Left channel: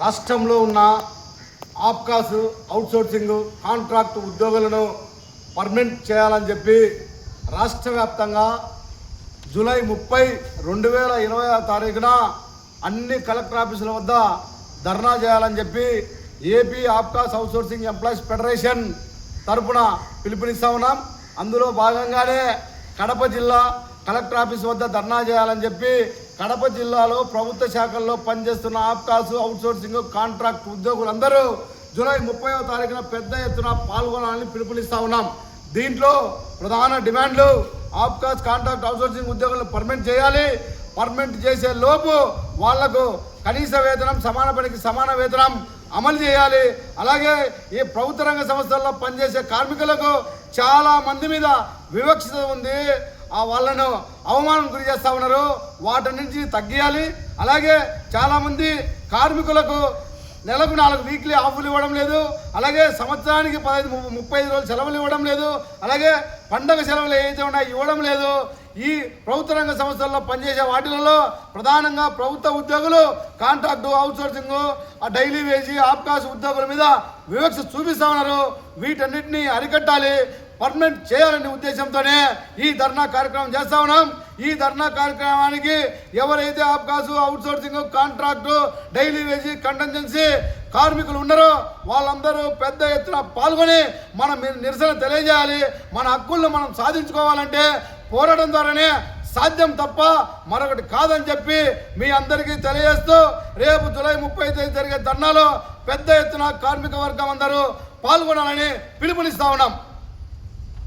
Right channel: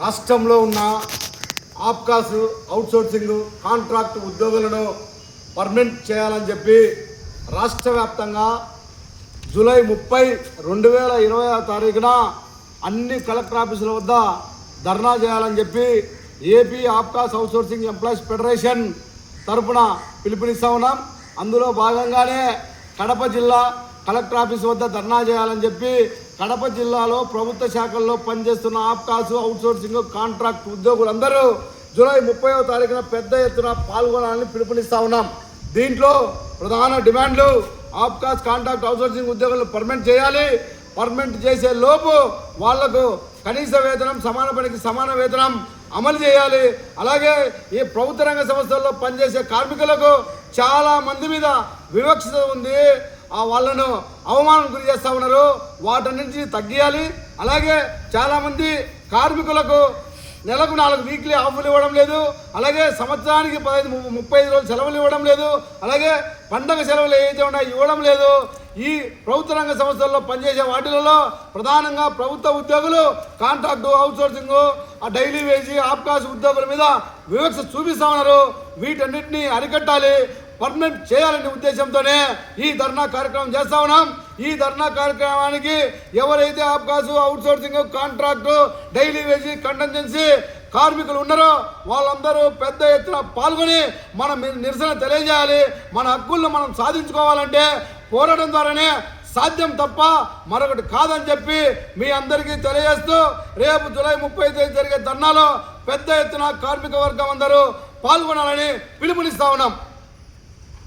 రాష్ట్రంలో ఉన్న APCOS outsourcing contract ఉద్యోగులను పర్మనెంట్ చేయాలని చెప్పి రాష్ట్ర వ్యాప్తంగా జూలై 30, 2020 తారీఖున అన్ని కలెక్టర్ ఆఫీసుల వద్ద ధర్నా చేయాలని చెప్పి AP APCOS outsourcing employees federation తరఫున పిలుపునిస్తా ఉన్నాం. అందులో భాగంగానే కడప జిల్లా కలెక్టర్ ఆఫీస్ వద్ద ధర్నా చేయాలని చెప్పి కడప జిల్లాలో ప్రభుత్వ శాఖల్లో పనిచేస్తున్న ఆప్కాస్ అవుట్సోర్సింగ్ కాంట్రాక్ట్ ఉద్యోగులందరూ జూలై 30వ తారీఖున పెద్ద ఎత్తున పాల్గొనాలని పిలుపునిస్తా ఉన్నాం. దీంట్లో ప్రధాన డిమాండ్లు ఆప్కాస్ కాంట్రాక్ట్ అవుట్సోర్సింగ్ ఉద్యోగులను పర్మనెంట్ చేయాలి. పర్మనెంట్ చేసే లోపు వాళ్లకు కనీస వేతనం, సమాన పనికి సమాన వేతనం అమలు చేయాలి. అలాగే ఈ ప్రభుత్వ రంగ సంస్థల్లో పనిచేసే కార్మికులకు చాలా మంది మీద వివక్షత ఉంది, వాళ్ళను అవమానం గురి చేస్తూ ఉన్నారు, వాటి నుంచి తగ్గియాలి. అలాగే చాలామంది కార్మికులకు నెలకు 4 వీక్లీ ఆఫ్లు ఇవ్వడం లేదు, అలాగే సంవత్సరానికి 35 రోజులు సెలవులు ఇవ్వడం లేదు, అలాగే పండగ సెలవులు ఏవైతే ఉన్నాయో ఇవ్వడం లేదు. ఈ ప్రభుత్వ రంగ సంస్థల్లో పనిచేసే వాటిలలో ప్రధానంగా ప్రభుత్వ ఉద్యోగులు contract outsourcing daily wage APCOS ఉద్యోగుల మీద వివక్ష చూపిస్తా ఉన్నారు. వీటన్నిటిని అరికట్టాలి, పర్మనెంట్ చేయాలనే ఉద్దేశంతోనే ఈ ధర్నా కార్యక్రమం చేస్తా ఉన్నాం. ఈ ధర్నా కార్యక్రమానికి ఎవరైతే Apcos outsourcing contract daily wage contingency కార్మికులు ఉన్నారో వాళ్ళందరూ పెద్ద ఎత్తున పాల్గొని మనం నిరసన తెలియజేయాలి. మన హక్కులను మనం సాధించుకోవాలంటే పోరాటం ద్వారానే సాధ్యం తప్ప మరొకటి కాదని చెప్పి మీ అందరికీ తెలియజేస్తూ రేపు జూలై 30 తేదీ జరిగే ధర్నాలో పెద్ద ఎత్తున కార్మిక వర్గం అందరూ పాల్గొనాలని పిలుపునిస్తా ఉన్నాం.